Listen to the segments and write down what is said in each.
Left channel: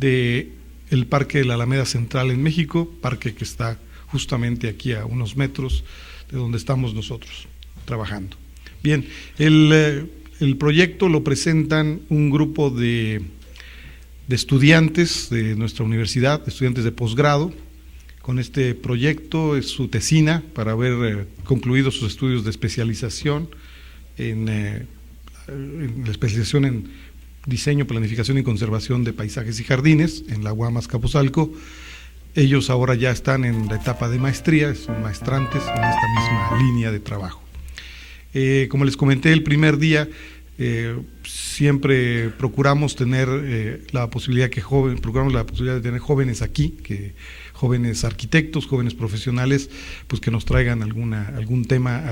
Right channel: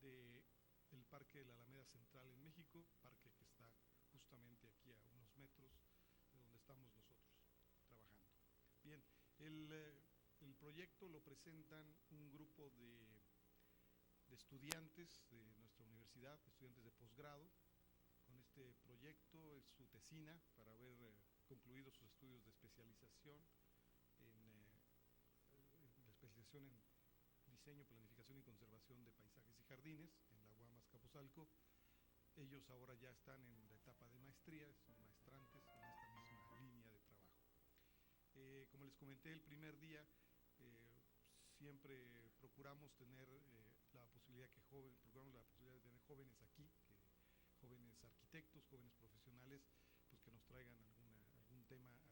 del Parque de la Alameda Central en México, parque que está justamente aquí a unos metros de donde estamos nosotros trabajando. Bien, el proyecto lo presentan un grupo de estudiantes de nuestra universidad, estudiantes de posgrado. Con este proyecto es su tesina para haber concluido sus estudios de especialización en la especialización en diseño, planificación y conservación de paisajes y jardines en la UAM Azcapotzalco. Ellos ahora ya están en la etapa de maestría, son maestrantes en esta misma línea de trabajo. Como les comenté el primer día, siempre procuramos tener la posibilidad de tener jóvenes aquí, jóvenes arquitectos, jóvenes profesionales, pues que nos traigan algún tema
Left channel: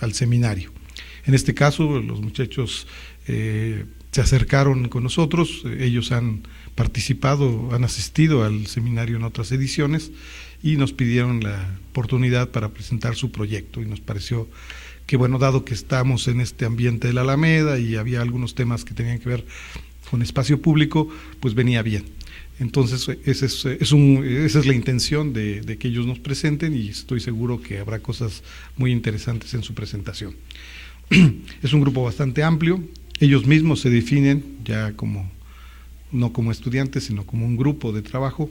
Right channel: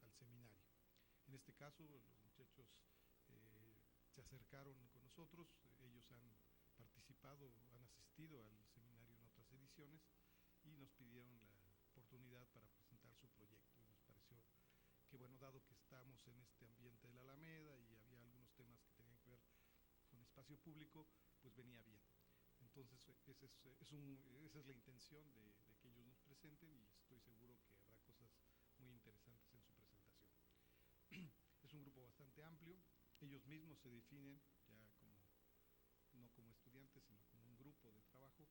al seminario. En este caso, los muchachos se acercaron con nosotros, ellos han participado, han asistido al seminario en otras ediciones y nos pidieron la oportunidad para presentar su proyecto, y nos pareció que, bueno, dado que estamos en este ambiente de la Alameda y había algunos temas que tenían que ver con espacio público, pues venía bien. Entonces, esa es la intención de que ellos nos presenten, y estoy seguro que habrá cosas muy interesantes en su presentación. Es un grupo bastante amplio, ellos mismos se definen ya no como estudiantes, sino como un grupo de trabajo,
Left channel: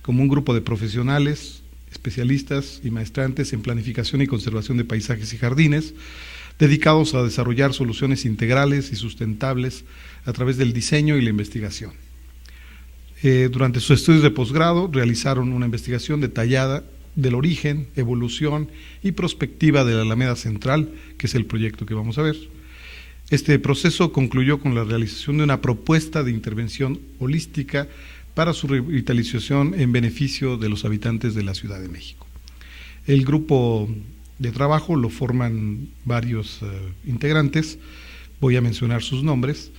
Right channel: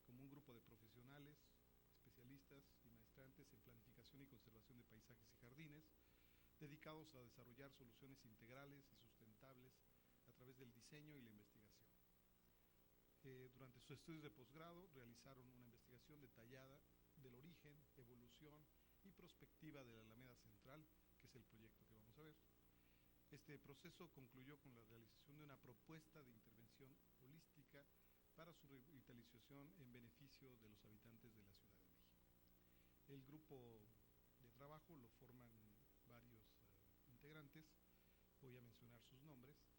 como un grupo de profesionales, especialistas y maestrantes en planificación y conservación de paisajes y jardines, dedicados a desarrollar soluciones integrales y sustentables a través del diseño y la investigación. Durante sus estudios de posgrado realizaron una investigación detallada del origen, evolución y prospectiva de la Alameda Central, que es el proyecto que vamos a ver. Este proceso concluyó con la realización de una propuesta de intervención holística para su revitalización en beneficio de los habitantes de la Ciudad de México. El grupo de trabajo lo forman varios integrantes, voy a mencionar sus nombres:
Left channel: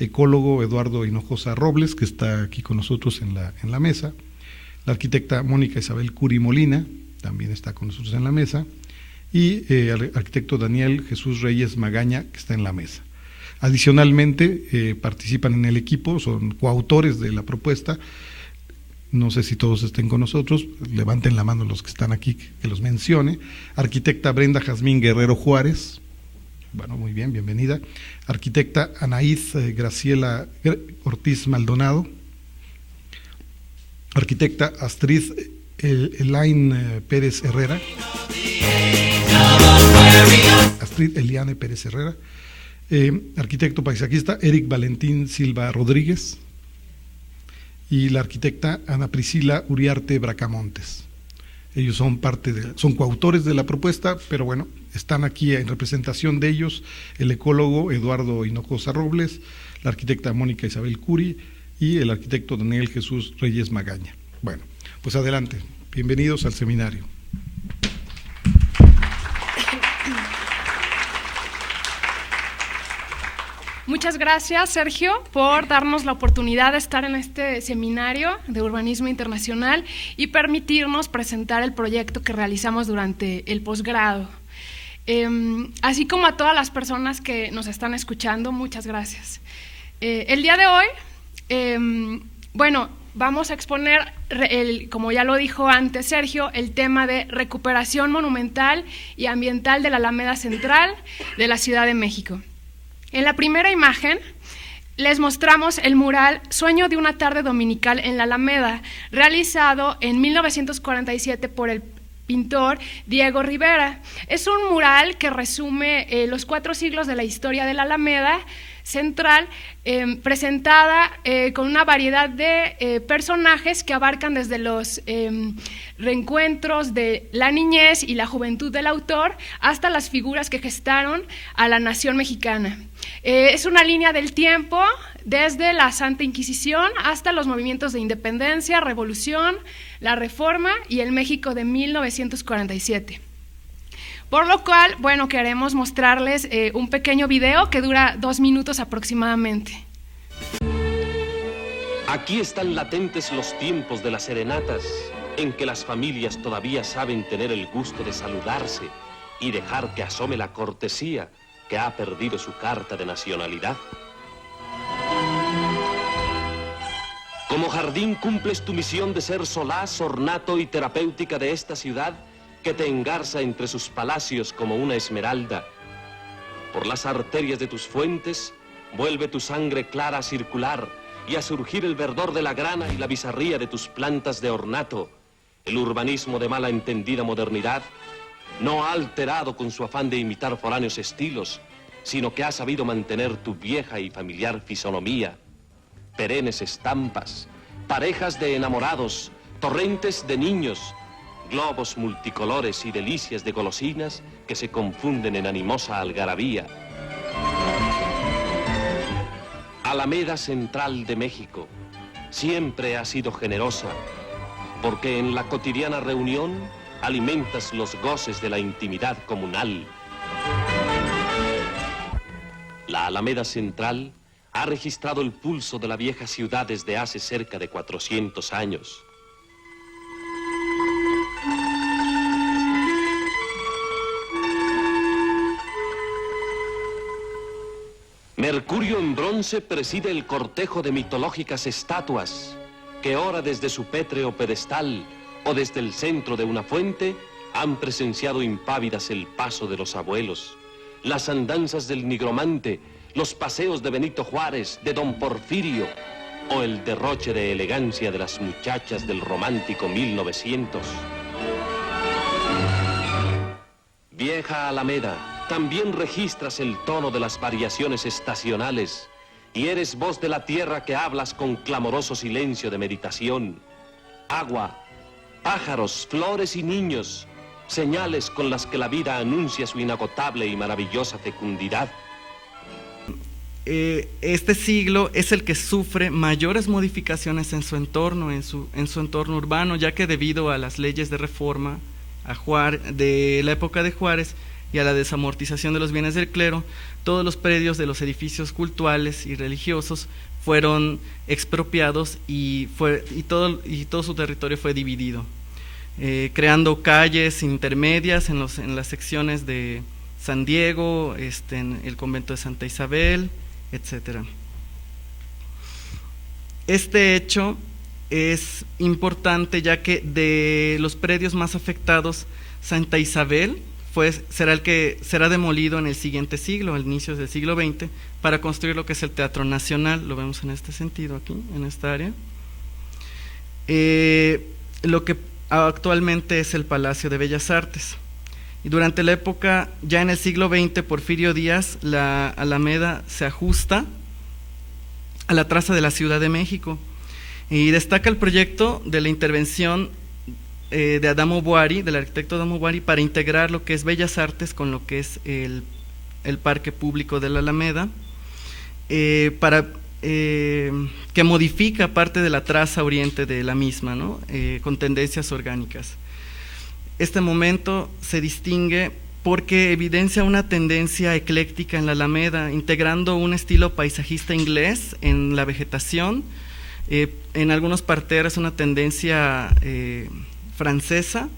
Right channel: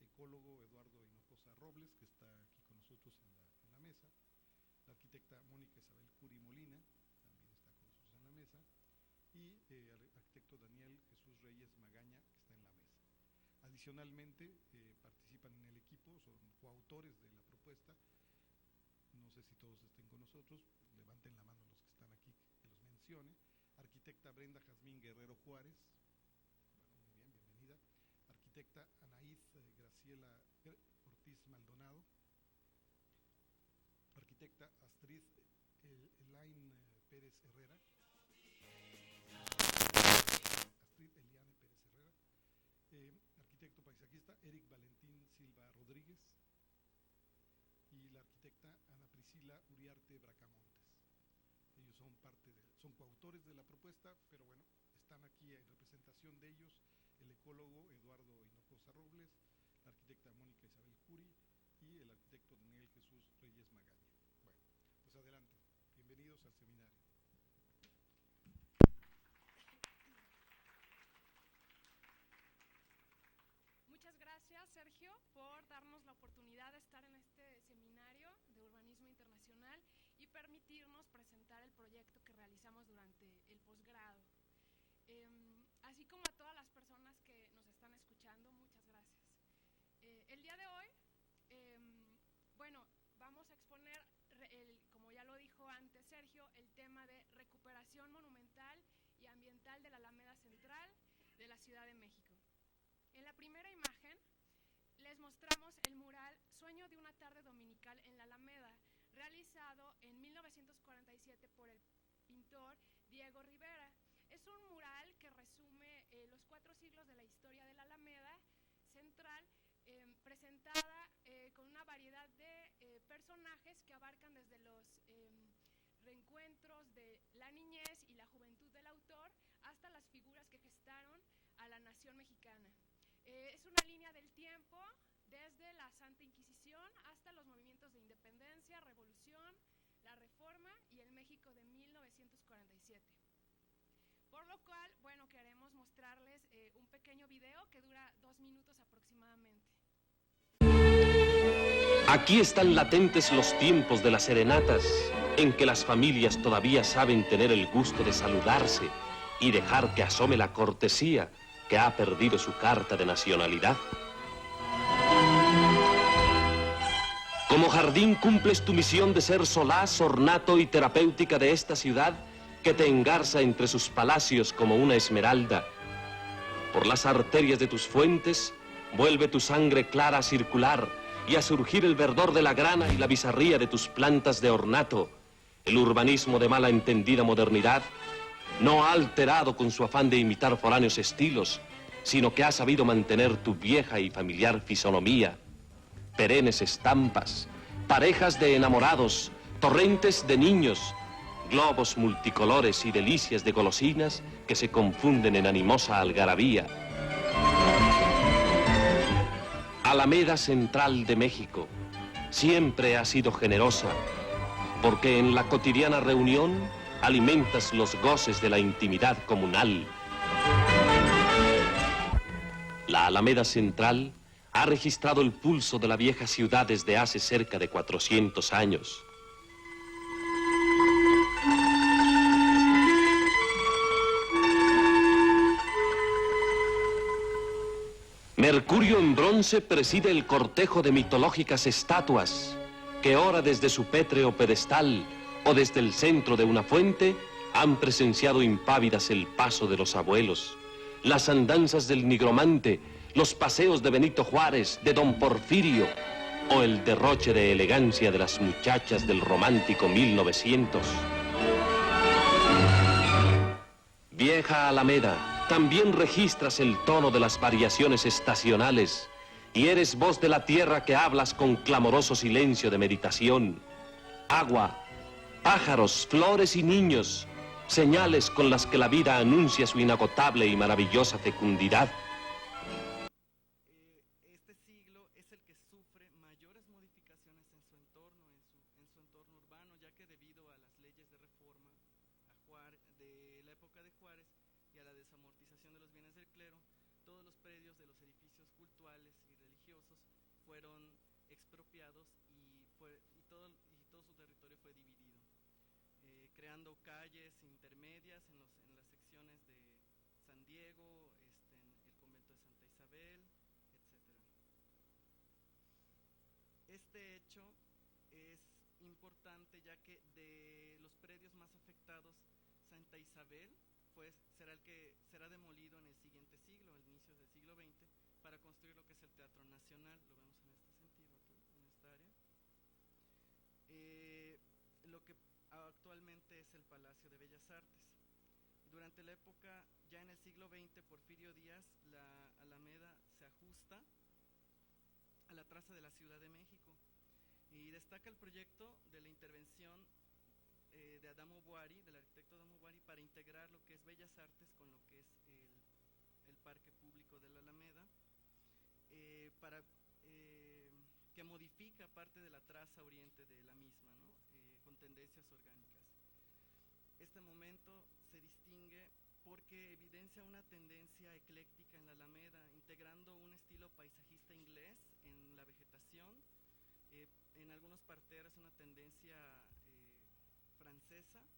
ecólogo Eduardo Hinojosa Robles, que está aquí con nosotros en la mesa; la arquitecta Mónica Isabel Curi Molina, también está con nosotros en la mesa; y el arquitecto Daniel Jesús Reyes Magaña, que está en la mesa. Adicionalmente, participan en el equipo, son coautores de la propuesta. No sé si todos estén con nosotros, levanten la mano los que están aquí, que los mencione. Arquitecta Brenda Jazmín Guerrero Juárez, bueno, muy bien, bienvenida. Arquitecta Anaíz Graciela Ortiz Maldonado. Arquitecta Astrid Elaine Pérez Herrera. Astrid Eliane Pérez Herrera. Arquitecto paisajista Eric Valentín Silva Rodríguez, y la arquitecta Ana Priscila Uriarte Bracamontes. Ellos son son coautores de la propuesta, pero bueno, están aquí en representación de ellos el ecólogo Eduardo Hinojosa Robles, la arquitecta Mónica Isabel Curi y el arquitecto Daniel Jesús Reyes Magaña. Bueno, pues adelante, bienvenidos al seminario. Muchas gracias, Sergio, por darnos la oportunidad de estar en este seminario de urbanismo internacional y permitirnos presentar el proyecto que realizamos durante el posgrado. Así como a todas las personas que nos están escuchando, muchas gracias. El día de hoy, bueno, vamos a exponer, como ya lo dijo antes Sergio, el tema de recuperación monumental y ambiental de la Alameda Central de la Ciudad de México. En la primera imagen les mostramos el mural Sueño de una tarde dominical en la Alameda, realizado en 1947 por el pintor Diego Rivera. Es un mural que resume los 4 siglos de la historia de la Alameda Central, presentada con una variedad de personajes que abarcan desde los reencuentros de la niñez y la juventud del autor hasta las figuras que gestaron a la nación mexicana. Es una línea del tiempo desde la Santa Inquisición hasta los movimientos de independencia, revolución, la Reforma y el México de 1947. Por lo cual, bueno, queremos mostrarles un pequeño video que dura 2 minutos aproximadamente. Aquí están latentes los tiempos de las serenatas, en que las familias todavía saben tener el gusto de saludarse y dejar que asome la cortesía que ha perdido su carta de nacionalidad. Como jardín cumples tu misión de ser solaz, ornato y terapéutica de esta ciudad que te engarza entre sus palacios como una esmeralda. Por las arterias de tus fuentes, vuelve tu sangre clara a circular y a surgir el verdor de la grana y la bizarría de tus plantas de ornato. El urbanismo de mala entendida modernidad no ha alterado con su afán de imitar foráneos estilos, sino que ha sabido mantener tu vieja y familiar fisonomía. Perennes estampas, parejas de enamorados, torrentes de niños, globos multicolores y delicias de golosinas que se confunden en animosa algarabía. Alameda Central de México siempre ha sido generosa, porque en la cotidiana reunión alimentas los goces de la intimidad comunal. La Alameda Central ha registrado el pulso de la vieja ciudad desde hace cerca de 400 años. Mercurio en bronce preside el cortejo de mitológicas estatuas que ora desde su pétreo pedestal o desde el centro de una fuente han presenciado impávidas el paso de los abuelos, las andanzas del nigromante, los paseos de Benito Juárez, de Don Porfirio o el derroche de elegancia de las muchachas del romántico 1900. Vieja Alameda, también registras el tono de las variaciones estacionales y eres voz de la tierra que hablas con clamoroso silencio de meditación. Agua, pájaros, flores y niños, señales con las que la vida anuncia su inagotable y maravillosa fecundidad. Este siglo es el que sufre mayores modificaciones en su entorno, en su entorno urbano, ya que debido a las leyes de reforma de la época de Juárez y a la desamortización de los bienes del clero, todos los predios de los edificios cultuales y religiosos fueron expropiados y todo su territorio fue dividido, creando calles intermedias en las secciones de San Diego, en el convento de Santa Isabel, etcétera. Este hecho es importante ya que de los predios más afectados, Santa Isabel será demolido en el siguiente siglo, al inicio del siglo XX, para construir lo que es el Teatro Nacional. Lo vemos en este sentido aquí, en esta área. Lo que actualmente es el Palacio de Bellas Artes. Y durante la época, ya en el siglo XX, Porfirio Díaz, la Alameda se ajusta a la traza de la Ciudad de México y destaca el proyecto de la intervención de Adamo Boari, del arquitecto Adamo Boari, para integrar lo que es Bellas Artes con lo que es el parque público de la Alameda, que modifica parte de la traza oriente de la misma, ¿no? Con tendencias orgánicas. Este momento se distingue porque evidencia una tendencia ecléctica en la Alameda, integrando un estilo paisajista inglés en la vegetación, en algunos parterres una tendencia francesa,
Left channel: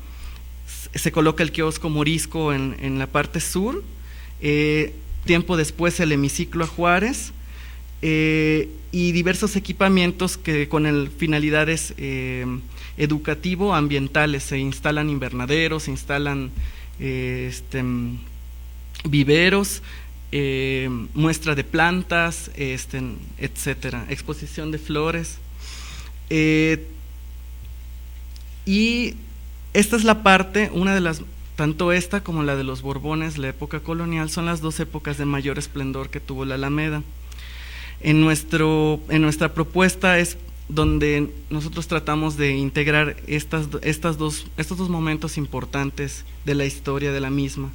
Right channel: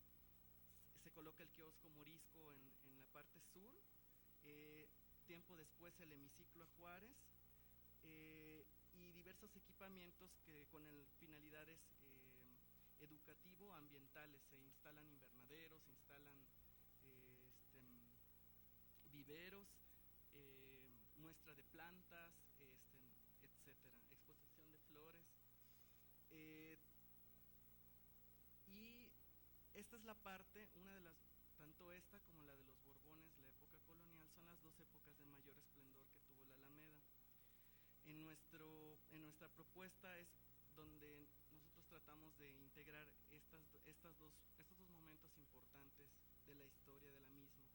se coloca el kiosco morisco en la parte sur, tiempo después el hemiciclo a Juárez, y diversos equipamientos que con finalidades educativo-ambientales, se instalan invernaderos, se instalan viveros, muestra de plantas, etcétera, exposición de flores, y Esta es la parte, una de las, tanto esta como la de los Borbones, la época colonial, son las dos épocas de mayor esplendor que tuvo la Alameda. En nuestra propuesta es donde nosotros tratamos de integrar estos dos momentos importantes de la historia de la misma.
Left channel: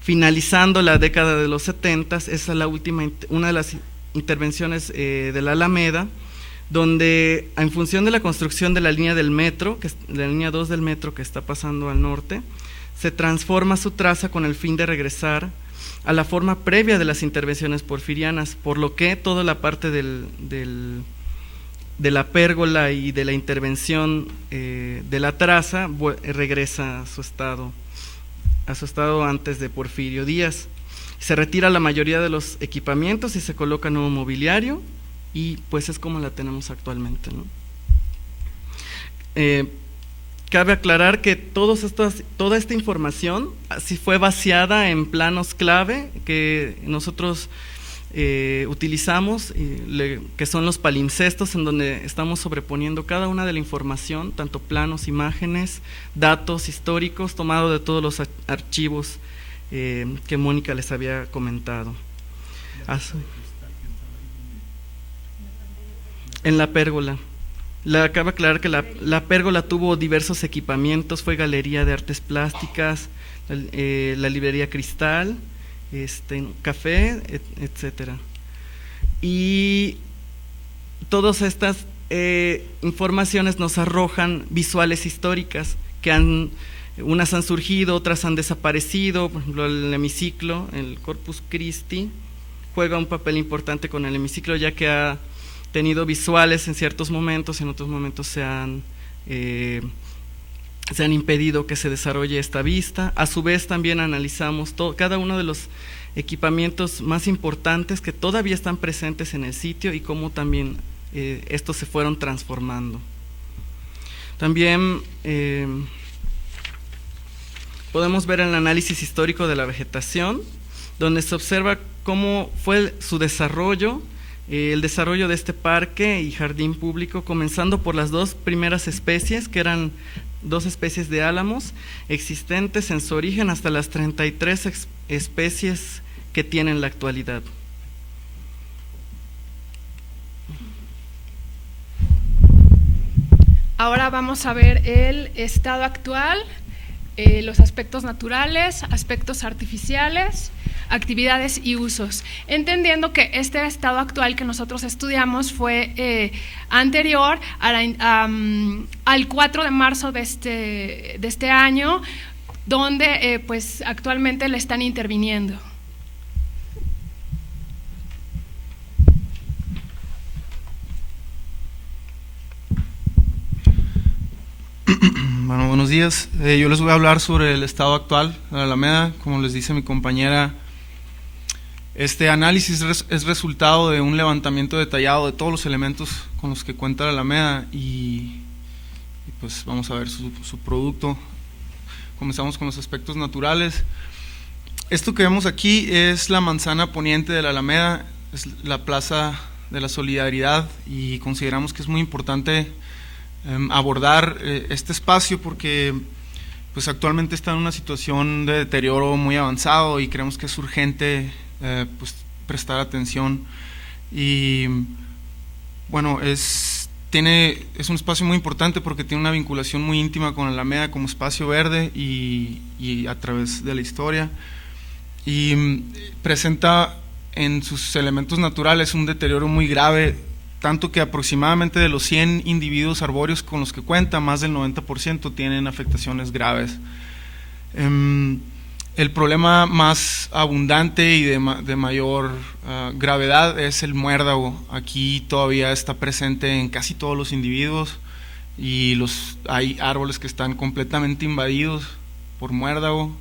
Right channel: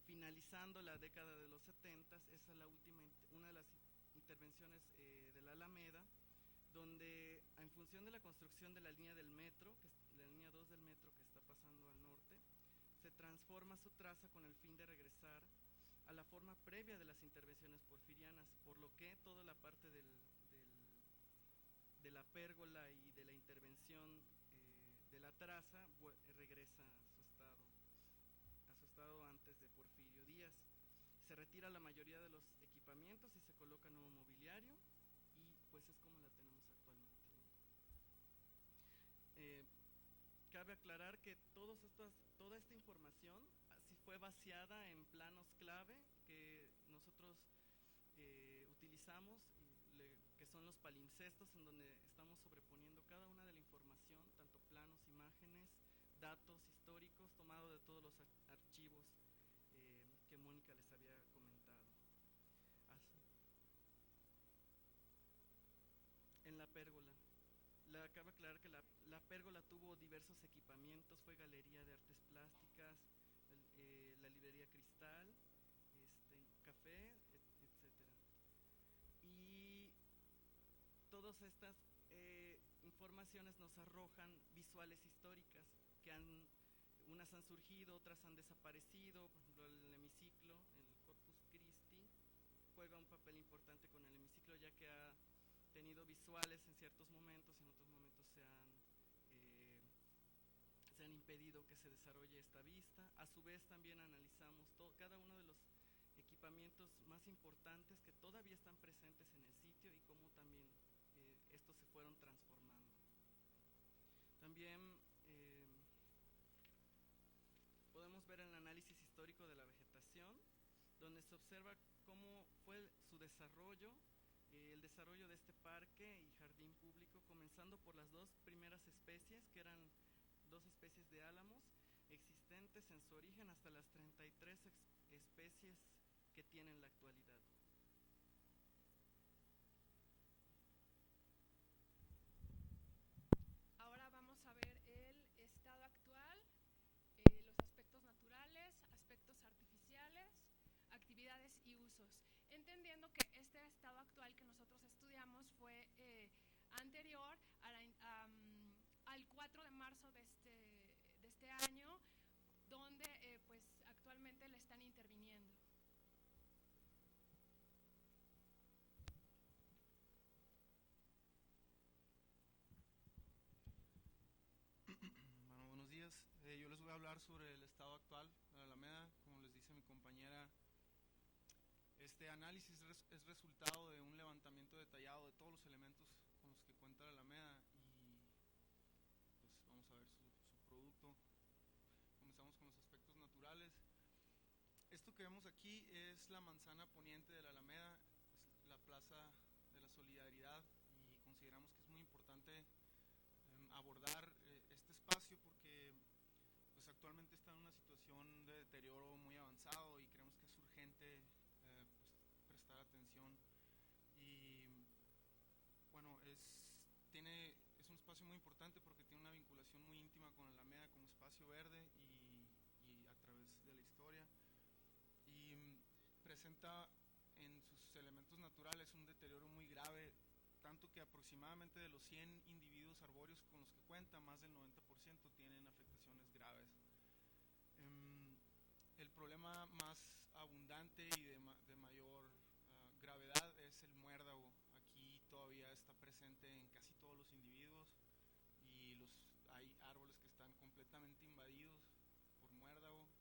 Finalizando la década de los 70, esa es la última, una de las intervenciones de la Alameda, donde en función de la construcción de la línea del metro, la línea 2 del metro que está pasando al norte, se transforma su traza con el fin de regresar a la forma previa de las intervenciones porfirianas, por lo que toda la parte de la pérgola y de la intervención de la traza regresa a su estado antes de Porfirio Díaz. Se retira la mayoría de los equipamientos y se coloca nuevo mobiliario, y pues es como la tenemos actualmente, ¿no? Cabe aclarar que toda esta información así fue vaciada en planos clave que nosotros utilizamos, que son los palimpsestos, en donde estamos sobreponiendo cada una de la información, tanto planos, imágenes, datos históricos, tomado de todos los archivos que Mónica les había comentado. En la pérgola. Cabe aclarar que la pérgola tuvo diversos equipamientos, fue galería de artes plásticas, la librería Cristal, café, etcétera. Y todas estas informaciones nos arrojan visuales históricas que unas han surgido, otras han desaparecido. Por ejemplo, el hemiciclo, el Corpus Christi, juega un papel importante con el hemiciclo, ya que ha tenido visuales en ciertos momentos, en otros momentos se han impedido que se desarrolle esta vista. A su vez también analizamos cada uno de los equipamientos más importantes que todavía están presentes en el sitio y cómo también estos se fueron transformando. También podemos ver el análisis histórico de la vegetación, donde se observa cómo fue su desarrollo, el desarrollo de este parque y jardín público, comenzando por las dos primeras especies, que eran dos especies de álamos existentes en su origen, hasta las 33 especies que tiene en la actualidad. Ahora vamos a ver el estado actual, los aspectos naturales, aspectos artificiales, actividades y usos, entendiendo que este estado actual que nosotros estudiamos fue anterior al 4 de marzo de este año, donde pues actualmente le están interviniendo. Bueno, buenos días. Yo les voy a hablar sobre el estado actual de la Alameda. Como les dice mi compañera, este análisis es resultado de un levantamiento detallado de todos los elementos con los que cuenta la Alameda y pues vamos a ver su producto. Comenzamos con los aspectos naturales. Esto que vemos aquí es la manzana poniente de la Alameda, es la Plaza de la Solidaridad, y consideramos que es muy importante abordar este espacio porque pues actualmente está en una situación de deterioro muy avanzado y creemos que es urgente pues prestar atención. Y bueno, es un espacio muy importante porque tiene una vinculación muy íntima con la Alameda como espacio verde y a través de la historia, y presenta en sus elementos naturales un deterioro muy grave, tanto que aproximadamente de los 100 individuos arbóreos con los que cuenta, más del 90% tienen afectaciones graves. El problema más abundante y de mayor gravedad es el muérdago. Aquí todavía está presente en casi todos los individuos y hay árboles que están completamente invadidos por muérdago,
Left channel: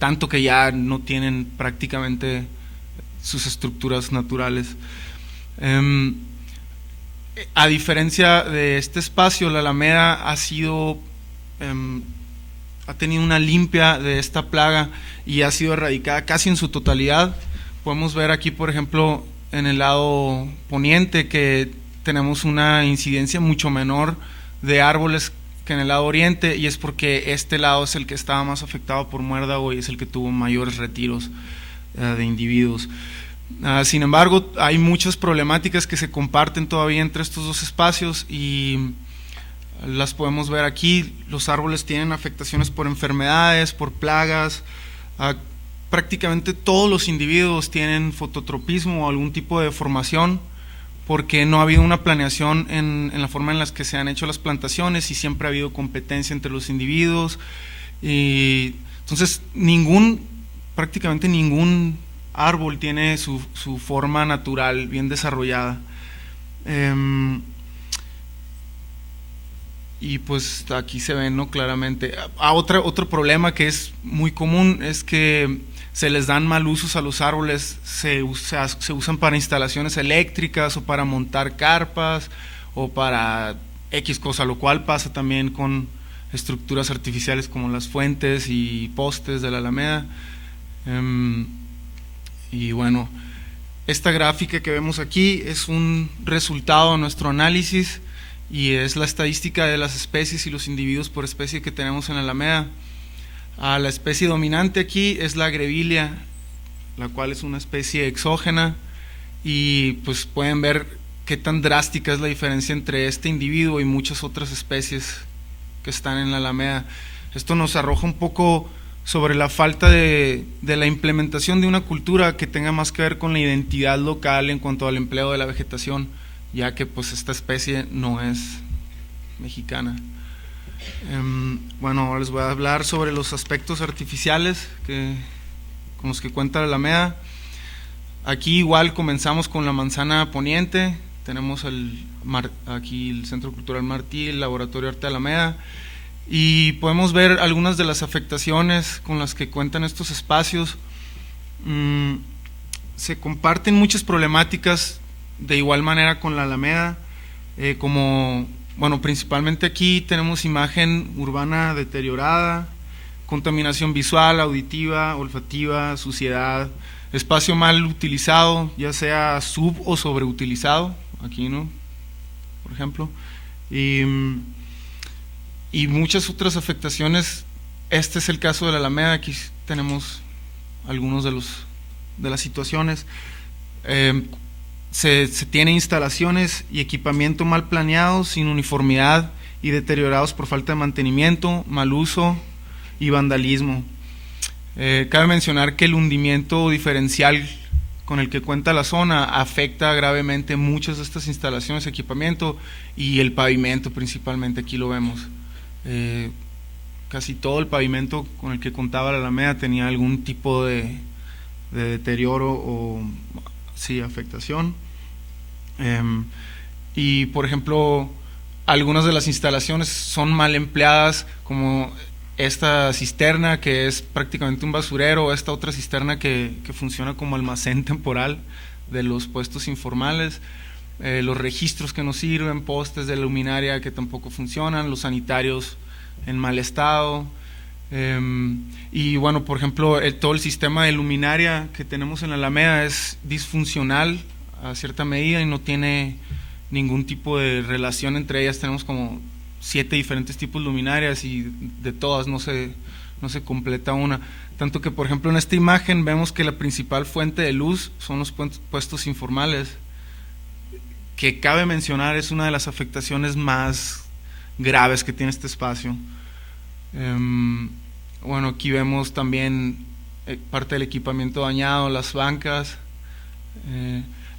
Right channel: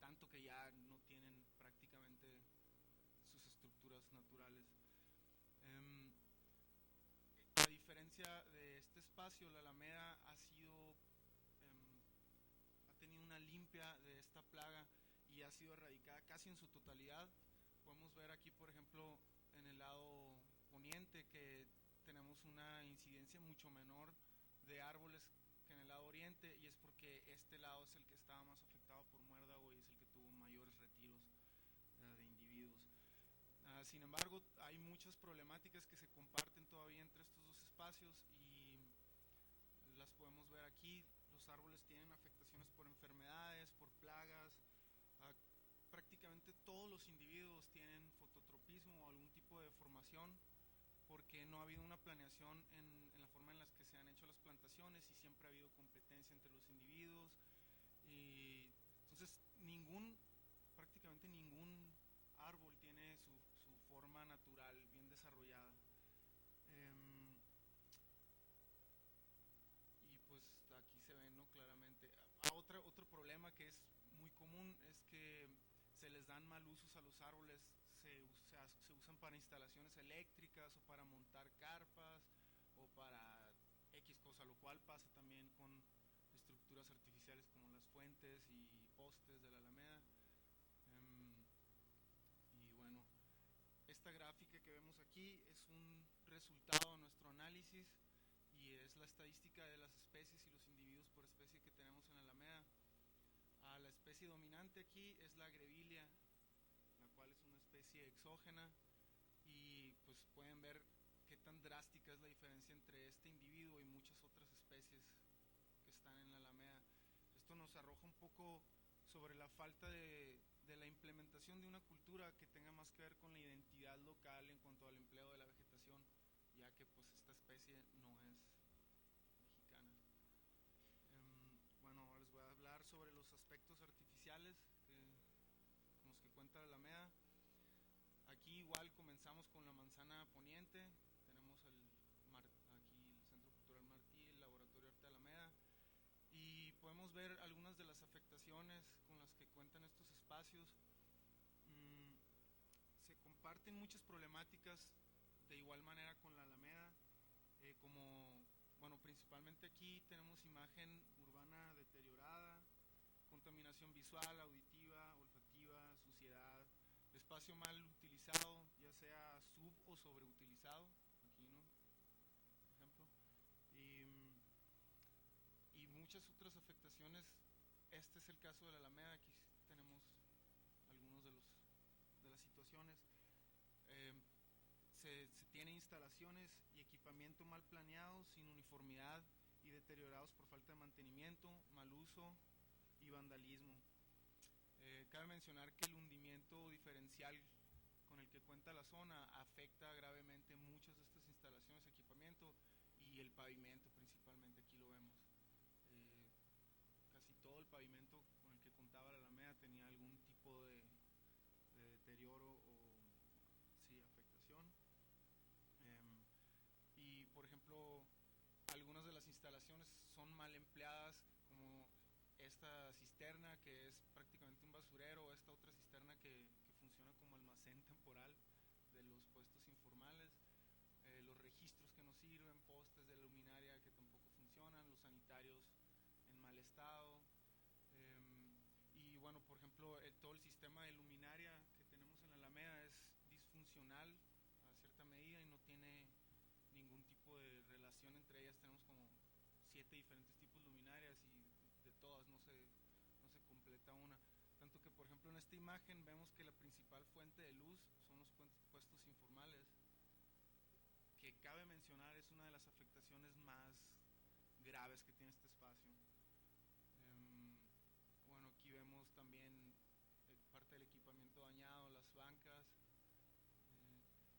tanto que ya no tienen prácticamente sus estructuras naturales. A diferencia de este espacio, la Alameda ha tenido una limpia de esta plaga y ha sido erradicada casi en su totalidad. Podemos ver aquí, por ejemplo, en el lado poniente que tenemos una incidencia mucho menor de árboles que en el lado oriente, y es porque este lado es el que estaba más afectado por muérdago y es el que tuvo mayores retiros de individuos. Sin embargo, hay muchas problemáticas que se comparten todavía entre estos dos espacios y las podemos ver aquí. Los árboles tienen afectaciones por enfermedades, por plagas. Prácticamente todos los individuos tienen fototropismo o algún tipo de deformación porque no ha habido una planeación en la forma en la que se han hecho las plantaciones y siempre ha habido competencia entre los individuos. Y entonces prácticamente ningún árbol tiene su forma natural bien desarrollada. Y pues aquí se ve, ¿no?, claramente. Otro problema que es muy común es que se les dan mal usos a los árboles, se usan para instalaciones eléctricas o para montar carpas o para X cosa, lo cual pasa también con estructuras artificiales como las fuentes y postes de la Alameda. Y bueno, esta gráfica que vemos aquí es un resultado de nuestro análisis y es la estadística de las especies y los individuos por especie que tenemos en la Alameda. La especie dominante aquí es la Grevillea, la cual es una especie exógena, y pues pueden ver qué tan drástica es la diferencia entre este individuo y muchas otras especies que están en la Alameda. Esto nos arroja un poco sobre la falta de la implementación de una cultura que tenga más que ver con la identidad local en cuanto al empleo de la vegetación, ya que pues esta especie no es mexicana. Bueno, ahora les voy a hablar sobre los aspectos artificiales con los que cuenta la Alameda. Aquí igual comenzamos con la manzana poniente, tenemos aquí el Centro Cultural Martí, el Laboratorio Arte Alameda, y podemos ver algunas de las afectaciones con las que cuentan estos espacios. Se comparten muchas problemáticas de igual manera con la Alameda, bueno, principalmente aquí tenemos imagen urbana deteriorada, contaminación visual, auditiva, olfativa, suciedad, espacio mal utilizado, ya sea o sobreutilizado, aquí, ¿no?, por ejemplo, y muchas otras afectaciones. Este es el caso de la Alameda. Aquí tenemos algunos de las situaciones. Se tiene instalaciones y equipamiento mal planeados, sin uniformidad y deteriorados por falta de mantenimiento, mal uso y vandalismo. Cabe mencionar que el hundimiento diferencial con el que cuenta la zona afecta gravemente muchas de estas instalaciones, equipamiento y el pavimento principalmente. Aquí lo vemos. Casi todo el pavimento con el que contaba la Alameda tenía algún tipo de deterioro o afectación. Y por ejemplo, algunas de las instalaciones son mal empleadas, como esta cisterna que es prácticamente un basurero, esta otra cisterna que funciona como almacén temporal de los puestos informales, los registros que no sirven, postes de luminaria que tampoco funcionan, los sanitarios en mal estado. Y bueno, por ejemplo, todo el sistema de luminaria que tenemos en la Alameda es disfuncional a cierta medida y no tiene ningún tipo de relación entre ellas. Tenemos como 7 diferentes tipos de luminarias y de todas no se completa una. Tanto que, por ejemplo, en esta imagen vemos que la principal fuente de luz son los puestos informales, que cabe mencionar es una de las afectaciones más graves que tiene este espacio. Bueno, aquí vemos también parte del equipamiento dañado, las bancas,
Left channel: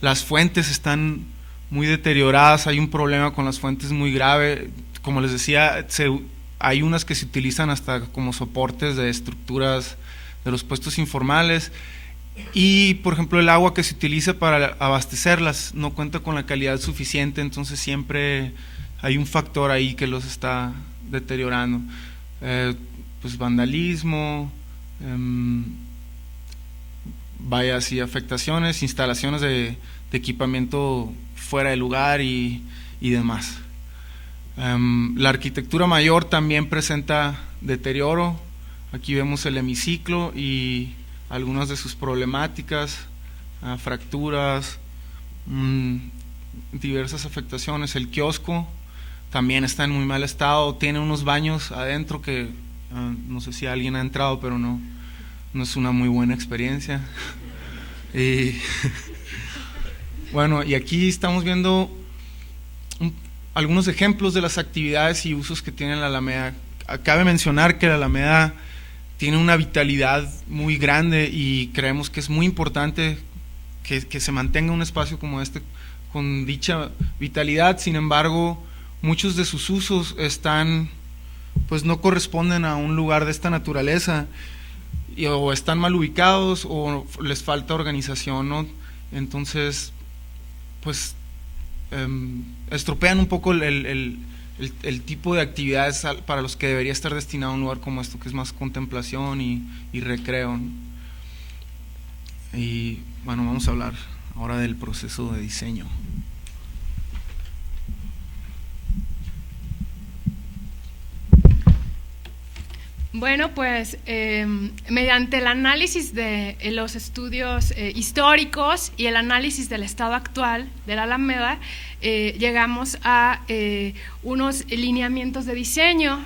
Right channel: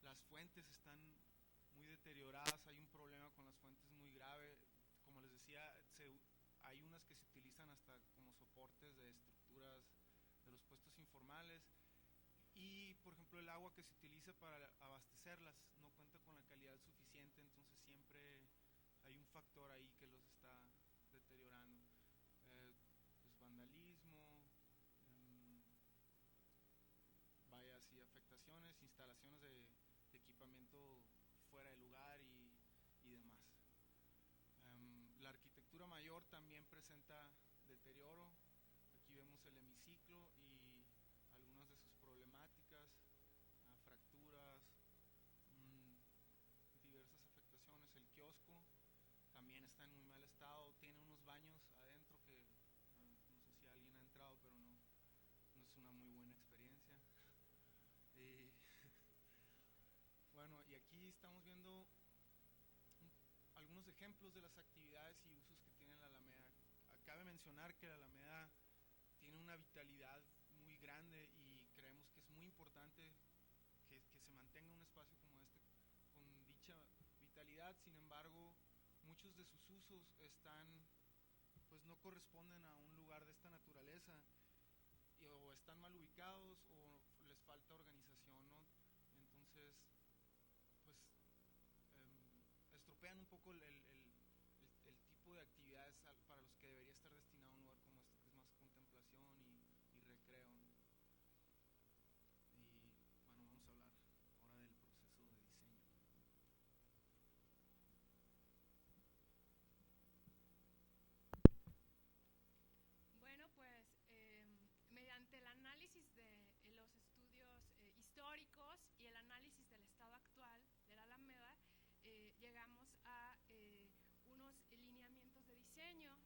las fuentes están muy deterioradas, hay un problema con las fuentes muy grave. Como les decía, hay unas que se utilizan hasta como soportes de estructuras de los puestos informales, y por ejemplo el agua que se utiliza para abastecerlas no cuenta con la calidad suficiente, entonces siempre hay un factor ahí que los está deteriorando. Pues vandalismo, afectaciones, instalaciones de equipamiento fuera de lugar y demás. La arquitectura mayor también presenta deterioro. Aquí vemos el hemiciclo y algunas de sus problemáticas, fracturas, diversas afectaciones. El kiosco también está en muy mal estado, tiene unos baños adentro que no sé si alguien ha entrado, pero no es una muy buena experiencia. Y bueno, y aquí estamos viendo algunos ejemplos de las actividades y usos que tiene la Alameda. Cabe mencionar que la Alameda tiene una vitalidad muy grande y creemos que es muy importante que se mantenga un espacio como este con dicha vitalidad. Sin embargo, muchos de sus usos pues no corresponden a un lugar de esta naturaleza, o están mal ubicados o les falta organización, ¿no? Entonces, pues estropean un poco el tipo de actividades para los que debería estar destinado a un lugar como esto, que es más contemplación y recreo, ¿no? Y bueno, vamos a hablar ahora del proceso de diseño. Bueno, pues mediante el análisis de los estudios históricos y el análisis del estado actual de la Alameda, llegamos a unos lineamientos de diseño.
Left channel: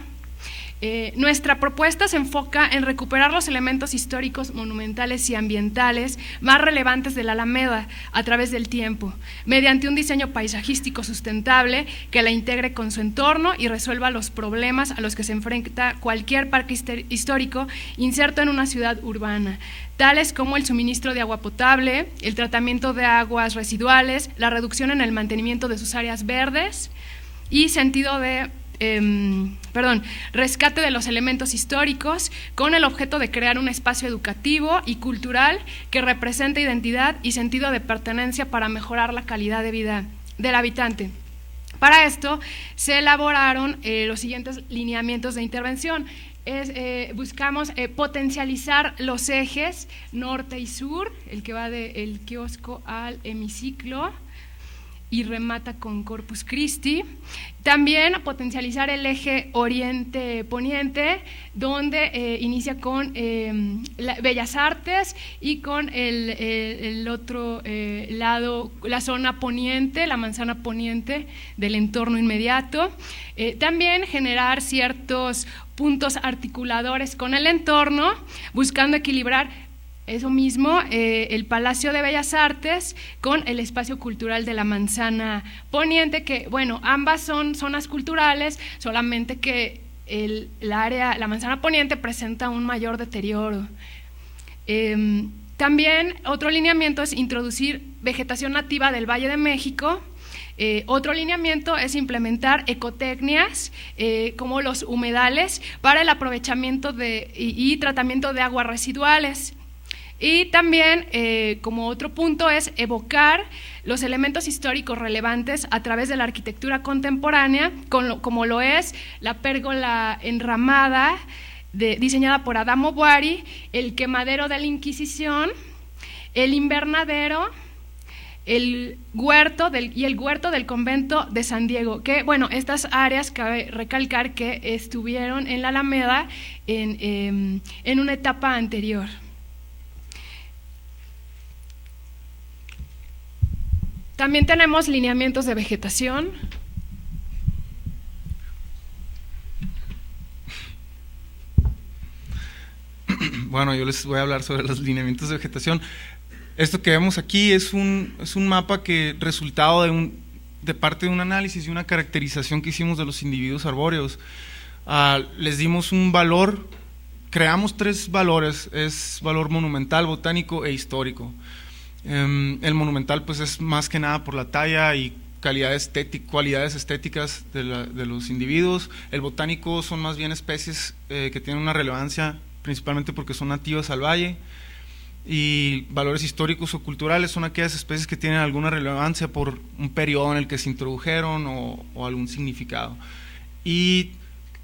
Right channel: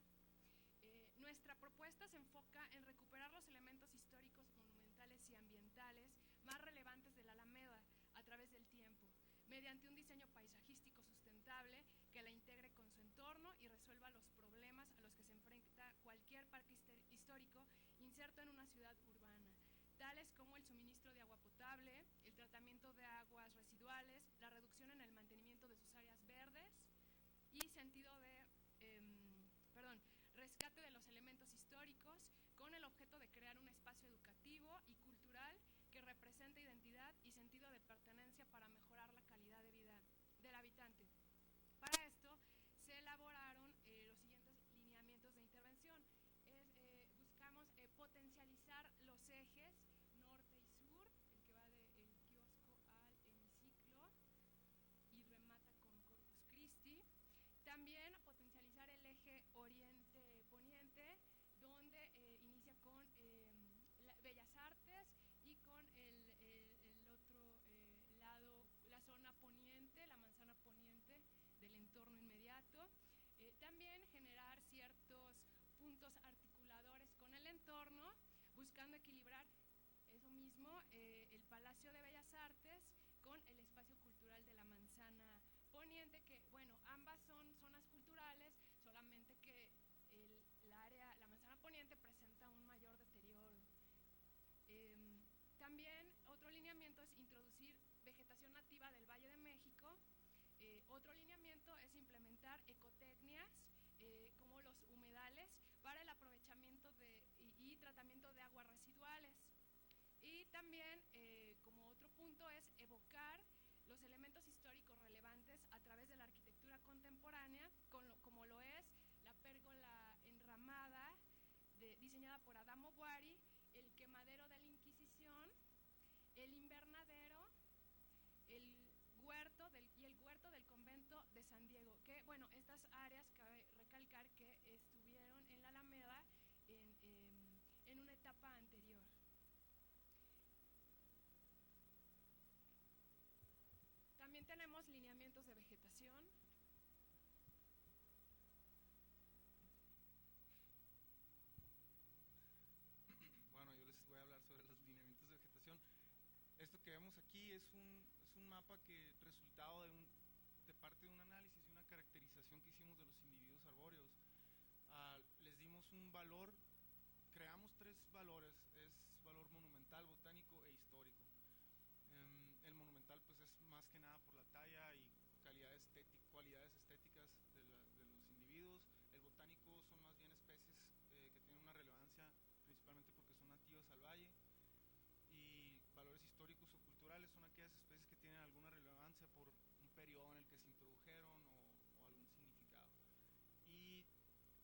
Nuestra propuesta se enfoca en recuperar los elementos históricos, monumentales y ambientales más relevantes de la Alameda a través del tiempo, mediante un diseño paisajístico sustentable que la integre con su entorno y resuelva los problemas a los que se enfrenta cualquier parque histórico inserto en una ciudad urbana, tales como el suministro de agua potable, el tratamiento de aguas residuales, la reducción en el mantenimiento de sus áreas verdes y rescate de los elementos históricos con el objeto de crear un espacio educativo y cultural que represente identidad y sentido de pertenencia para mejorar la calidad de vida del habitante. Para esto se elaboraron los siguientes lineamientos de intervención. Buscamos potencializar los ejes norte y sur, el que va del kiosco al hemiciclo y remata con Corpus Christi. También potencializar el eje oriente-poniente, donde inicia con Bellas Artes y con el otro lado, la zona poniente, la manzana poniente del entorno inmediato. También generar ciertos puntos articuladores con el entorno, buscando equilibrar eso mismo, el Palacio de Bellas Artes con el espacio cultural de la Manzana Poniente, que bueno, ambas son zonas culturales, solamente que la Manzana Poniente presenta un mayor deterioro. También otro lineamiento es introducir vegetación nativa del Valle de México. Otro lineamiento es implementar ecotecnias como los humedales para el aprovechamiento y tratamiento de aguas residuales. Y también, como otro punto, es evocar los elementos históricos relevantes a través de la arquitectura contemporánea, como lo es la pérgola enramada diseñada por Adamo Boari, el quemadero de la Inquisición, el invernadero, el huerto del convento de San Diego, que bueno, estas áreas cabe recalcar que estuvieron en la Alameda en una etapa anterior. También tenemos lineamientos de vegetación. Bueno, yo les voy a hablar sobre los lineamientos de vegetación. Esto que vemos aquí es un mapa que resultado de parte de un análisis y una caracterización que hicimos de los individuos arbóreos. Les dimos un valor, creamos 3 valores, es valor monumental, botánico e histórico. El monumental pues es más que nada por la talla y cualidades estéticas de los individuos. El botánico son más bien especies que tienen una relevancia principalmente porque son nativas al valle, y valores históricos o culturales son aquellas especies que tienen alguna relevancia por un periodo en el que se introdujeron o algún significado. Y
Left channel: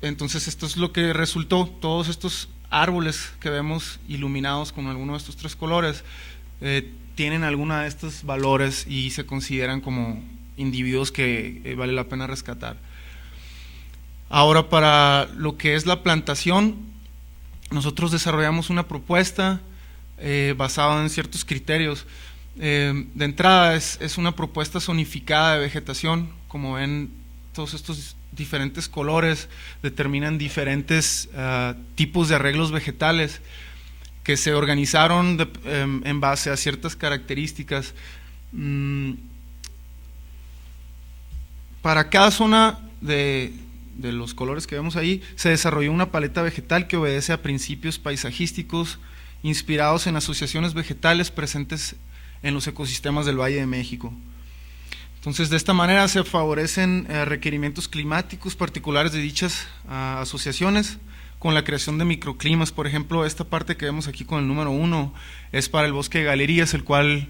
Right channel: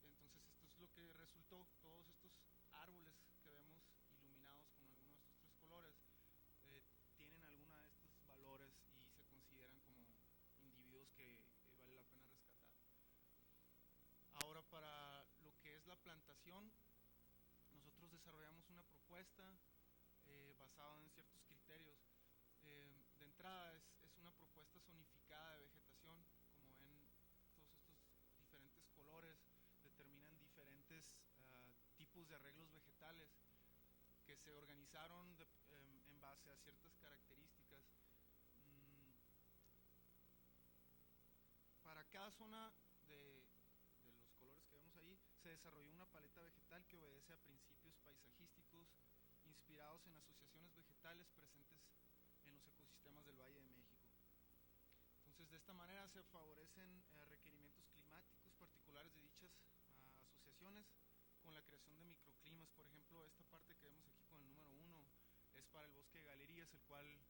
entonces esto es lo que resultó, todos estos árboles que vemos iluminados con alguno de estos 3 colores tienen alguna de estos valores y se consideran como individuos que vale la pena rescatar. Ahora, para lo que es la plantación, nosotros desarrollamos una propuesta basada en ciertos criterios. De entrada es una propuesta zonificada de vegetación. Como ven, todos estos diferentes colores determinan diferentes tipos de arreglos vegetales que se organizaron en base a ciertas características. Para cada zona de los colores que vemos ahí, se desarrolló una paleta vegetal que obedece a principios paisajísticos inspirados en asociaciones vegetales presentes en los ecosistemas del Valle de México. Entonces, de esta manera se favorecen requerimientos climáticos particulares de dichas asociaciones con la creación de microclimas. Por ejemplo, esta parte que vemos aquí con el número 1 es para el bosque de galerías, el cual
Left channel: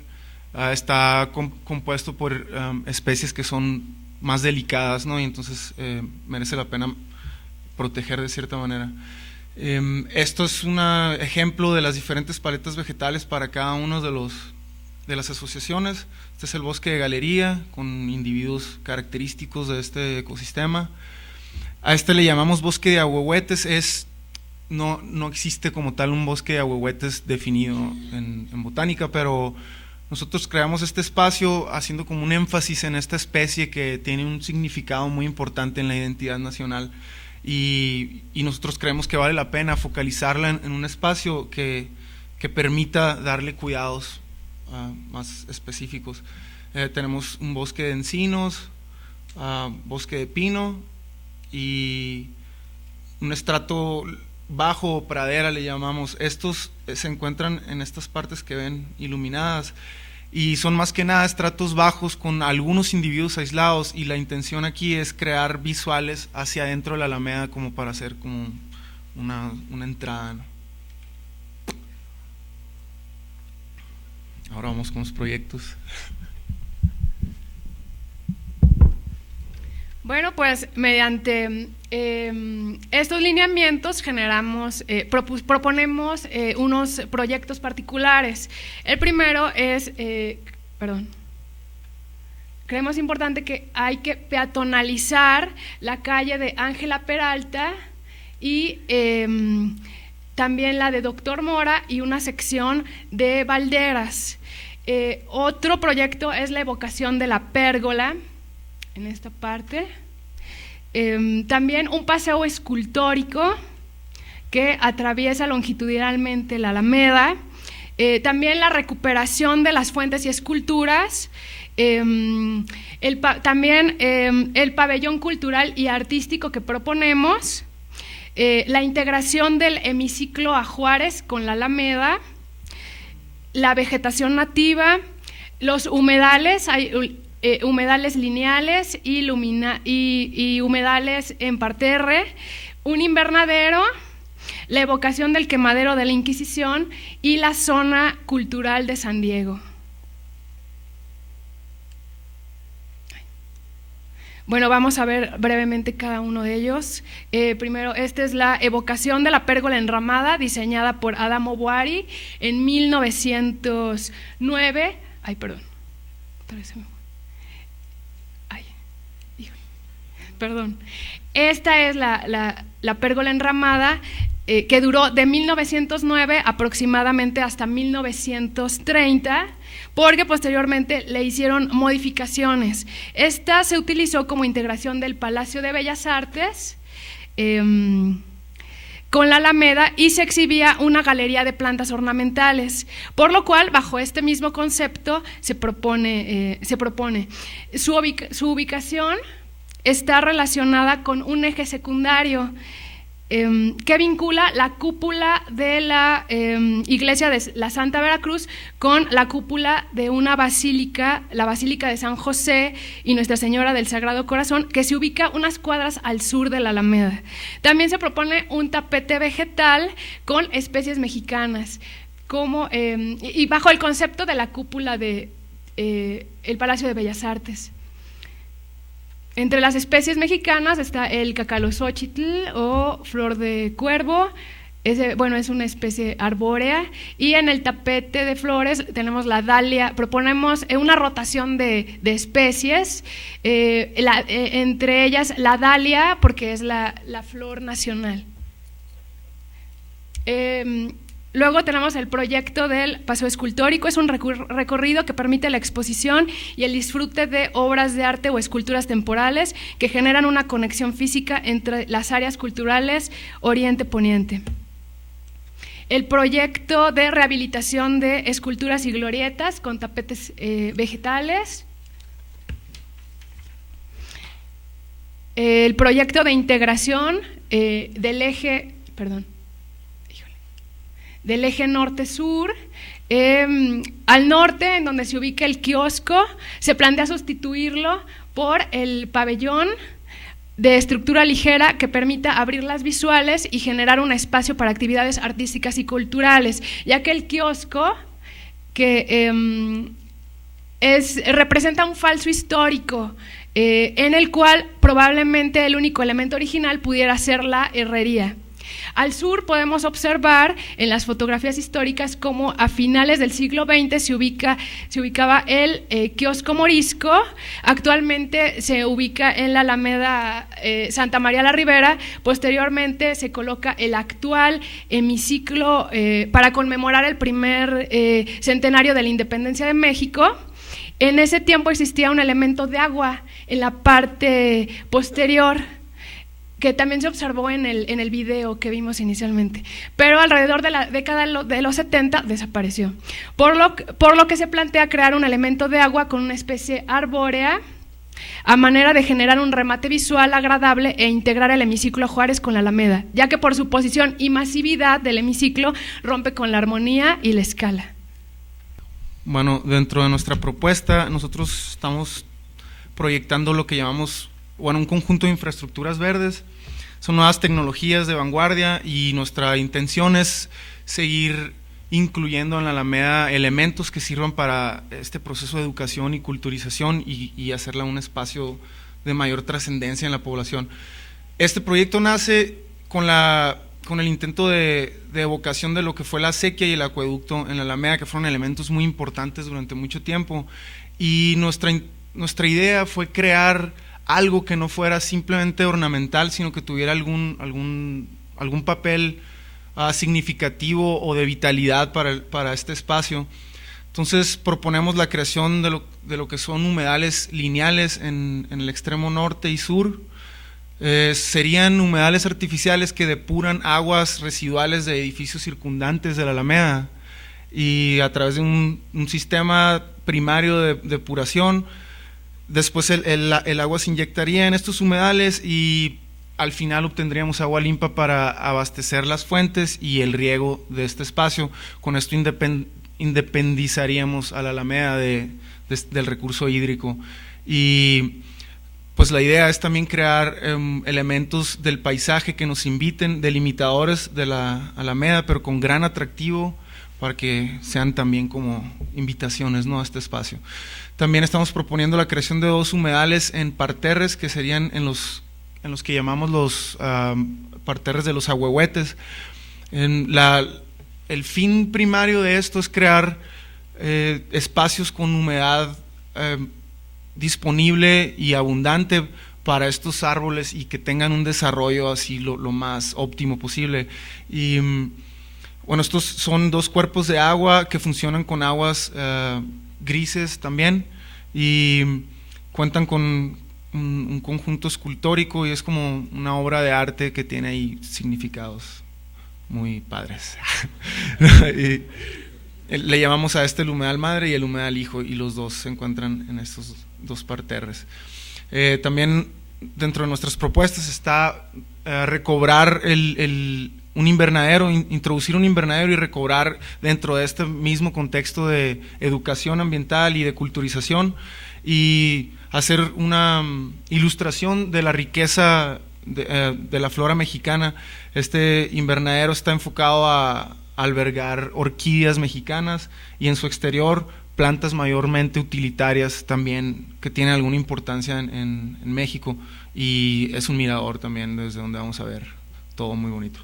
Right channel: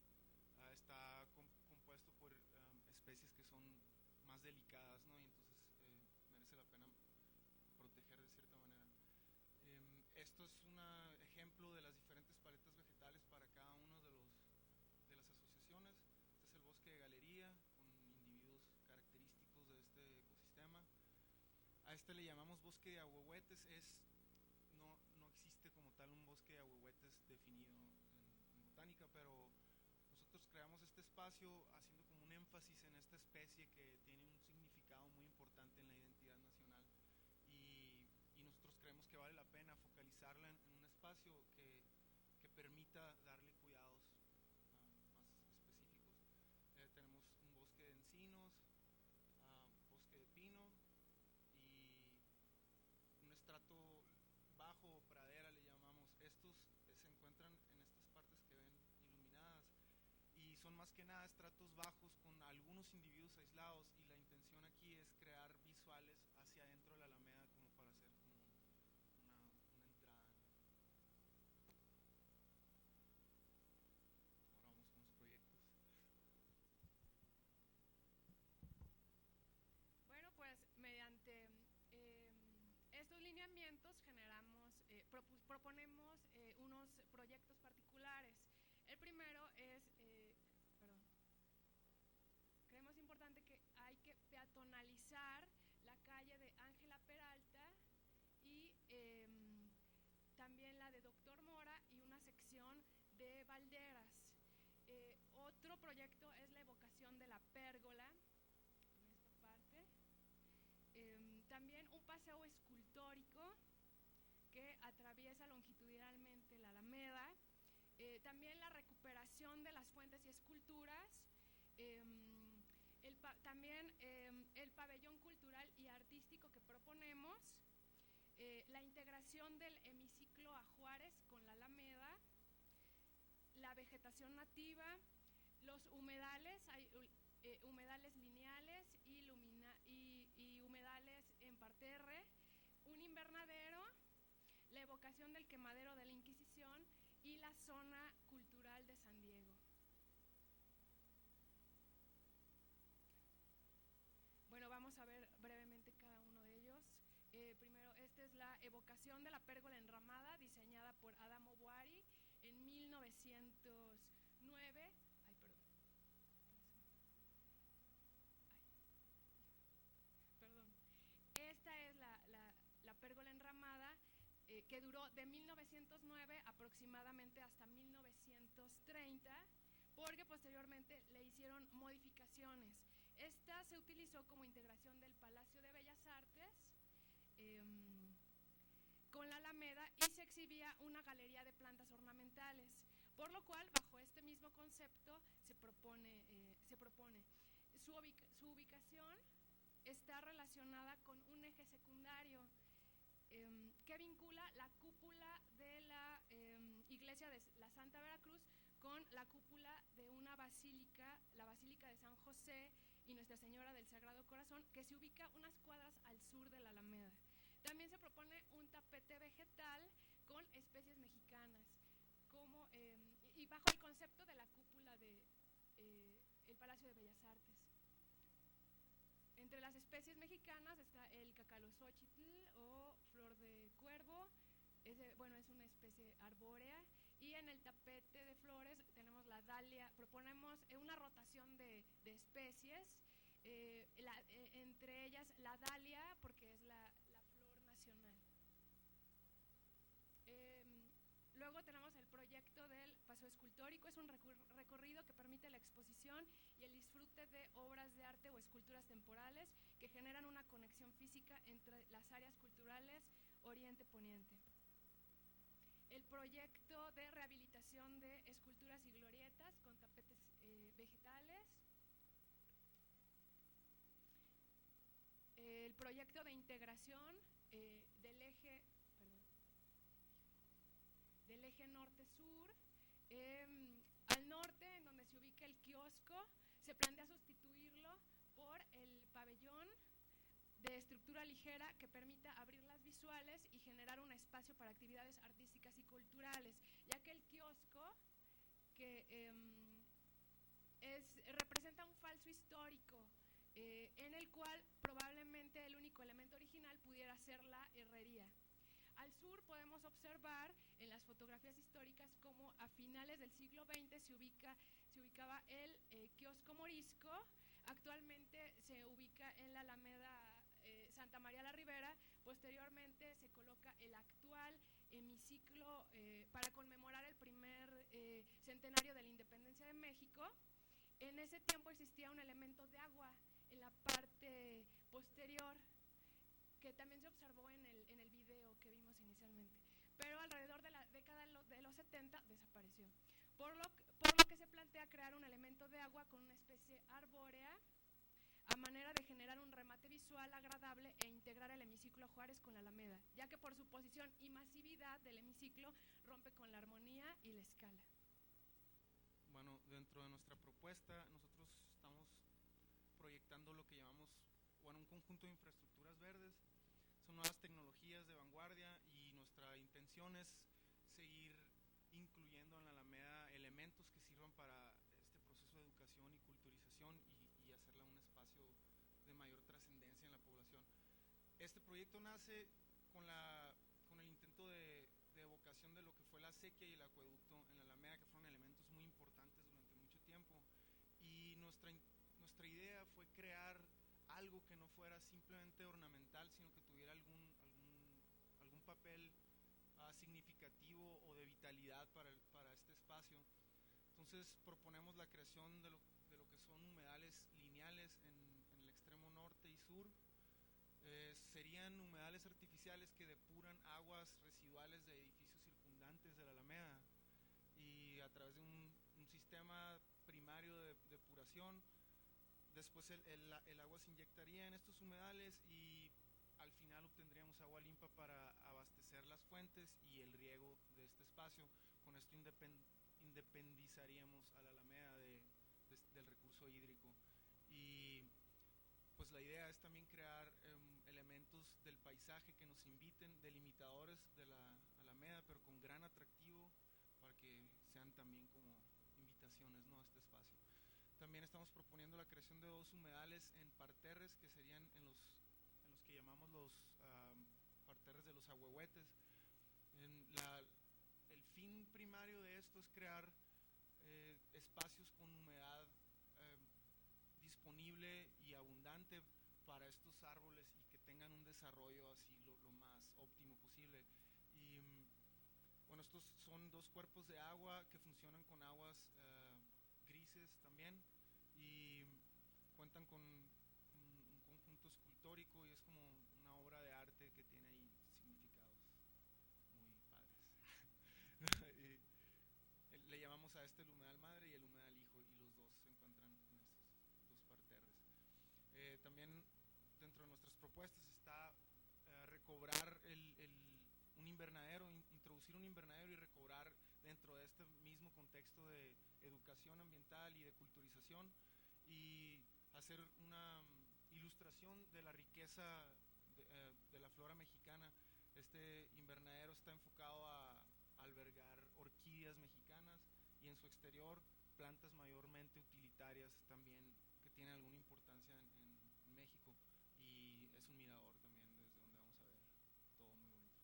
está compuesto por especies que son más delicadas, ¿no? Y entonces merece la pena proteger de cierta manera. Esto es un ejemplo de las diferentes paletas vegetales para cada uno de las asociaciones. Este es el bosque de galería con individuos característicos de este ecosistema. A este le llamamos bosque de ahuehuetes. No existe como tal un bosque de ahuehuetes definido en botánica, pero nosotros creamos este espacio haciendo como un énfasis en esta especie que tiene un significado muy importante en la identidad nacional, y nosotros creemos que vale la pena focalizarla en un espacio que permita darle cuidados más específicos. Tenemos un bosque de encinos, bosque de pino y un estrato bajo o pradera le llamamos. Estos se encuentran en estas partes que ven iluminadas y son más que nada estratos bajos con algunos individuos aislados, y la intención aquí es crear visuales hacia adentro de la alameda como para hacer como una entrada, ¿no? Ahora vamos con los proyectos. Bueno, pues mediante estos lineamientos proponemos unos proyectos particulares. El primero es, creemos importante que hay que peatonalizar la calle de Ángela Peralta y también la de Doctor Mora y una sección de Valderas. Otro proyecto es la evocación de la pérgola, en esta parte. También un paseo escultórico que atraviesa longitudinalmente la Alameda. También la recuperación de las fuentes y esculturas. También el pabellón cultural y artístico que proponemos. La integración del hemiciclo a Juárez con la Alameda. La vegetación nativa, los humedales, humedales lineales y humedales en parterre, un invernadero, la evocación del quemadero de la Inquisición y la zona cultural de San Diego. Bueno, vamos a ver brevemente cada uno de ellos. Primero, esta es la evocación de la pérgola enramada, diseñada por Adamo Boari en 1909. Ay, perdón. Perdón. Esta es la pérgola enramada que duró de 1909 aproximadamente hasta 1930, porque posteriormente le hicieron modificaciones. Esta se utilizó como integración del Palacio de Bellas Artes con la Alameda, y se exhibía una galería de plantas ornamentales, por lo cual bajo este mismo concepto se propone su ubicación está relacionada con un eje secundario que vincula la cúpula de la iglesia de la Santa Veracruz con la cúpula de una basílica, la Basílica de San José y Nuestra Señora del Sagrado Corazón, que se ubica unas cuadras al sur de la Alameda. También se propone un tapete vegetal con especies mexicanas, y bajo el concepto de la cúpula de el Palacio de Bellas Artes. Entre las especies mexicanas está el cacalozóchitl o flor de cuervo. Es una especie arbórea, y en el tapete de flores tenemos la dalia. Proponemos una rotación de especies, entre ellas la dalia, porque es la flor nacional. Luego tenemos el proyecto del Paseo Escultórico, es un recorrido que permite la exposición y el disfrute de obras de arte o esculturas temporales que generan una conexión física entre las áreas culturales Oriente-Poniente. El proyecto de rehabilitación de esculturas y glorietas con tapetes vegetales. El proyecto de integración del eje norte-sur. Al norte, en donde se ubica el kiosco, se plantea sustituirlo por el pabellón de estructura ligera que permita abrir las visuales y generar un espacio para actividades artísticas y culturales, ya que el kiosco representa un falso histórico en el cual probablemente el único elemento original pudiera ser la herrería. Al sur podemos observar en las fotografías históricas cómo a finales del siglo XX se ubicaba el kiosco morisco. Actualmente se ubica en la Alameda Santa María la Ribera. Posteriormente se coloca el actual hemiciclo para conmemorar el primer centenario de la independencia de México. En ese tiempo existía un elemento de agua en la parte posterior, que también se observó en el video que vimos inicialmente, pero alrededor de la década de los 70 desapareció, por lo que se plantea crear un elemento de agua con una especie arbórea a manera de generar un remate visual agradable e integrar el hemiciclo Juárez con la Alameda, ya que por su posición y masividad del hemiciclo rompe con la armonía y la escala. Bueno, dentro de nuestra propuesta nosotros estamos proyectando lo que llamamos un conjunto de infraestructuras verdes. Son nuevas tecnologías de vanguardia y nuestra intención es seguir incluyendo en la Alameda elementos que sirvan para este proceso de educación y culturización y hacerla un espacio de mayor trascendencia en la población. Este proyecto nace con el intento de evocación de lo que fue la acequia y el acueducto en la Alameda, que fueron elementos muy importantes durante mucho tiempo, y nuestra idea fue crear algo que no fuera simplemente ornamental, sino que tuviera algún papel significativo o de vitalidad para este espacio. Entonces proponemos la creación de lo que son humedales lineales en el extremo norte y sur. Serían humedales artificiales que depuran aguas residuales de edificios circundantes de la Alameda, y a través de un sistema primario de depuración. Después el agua se inyectaría en estos humedales y al final obtendríamos agua limpia para abastecer las fuentes y el riego de este espacio. Con esto independizaríamos a la Alameda del recurso hídrico. Y pues la idea es también crear elementos del paisaje que nos inviten, delimitadores de la Alameda, pero con gran atractivo, para que sean también como invitaciones, ¿no?, a este espacio. También estamos proponiendo la creación de 2 humedales en parterres, que serían en los que llamamos los parterres de los ahuehuetes. El fin primario de esto es crear espacios con humedad disponible y abundante para estos árboles y que tengan un desarrollo así lo más óptimo posible. Y bueno, estos son 2 cuerpos de agua que funcionan con aguas grises también, y cuentan con un conjunto escultórico, y es como una obra de arte que tiene ahí significados muy padres. Y le llamamos a este el humedal madre y el humedal hijo, y los dos se encuentran en estos 2 parterres. También dentro de nuestras propuestas está recobrar un invernadero, introducir un invernadero y recobrar dentro de este mismo contexto de educación ambiental y de culturización, y hacer una ilustración de la riqueza de la flora mexicana. Este invernadero está enfocado a albergar orquídeas mexicanas y en su exterior plantas mayormente utilitarias también que tienen alguna importancia en México, y es un mirador también desde donde vamos a ver todo muy bonito.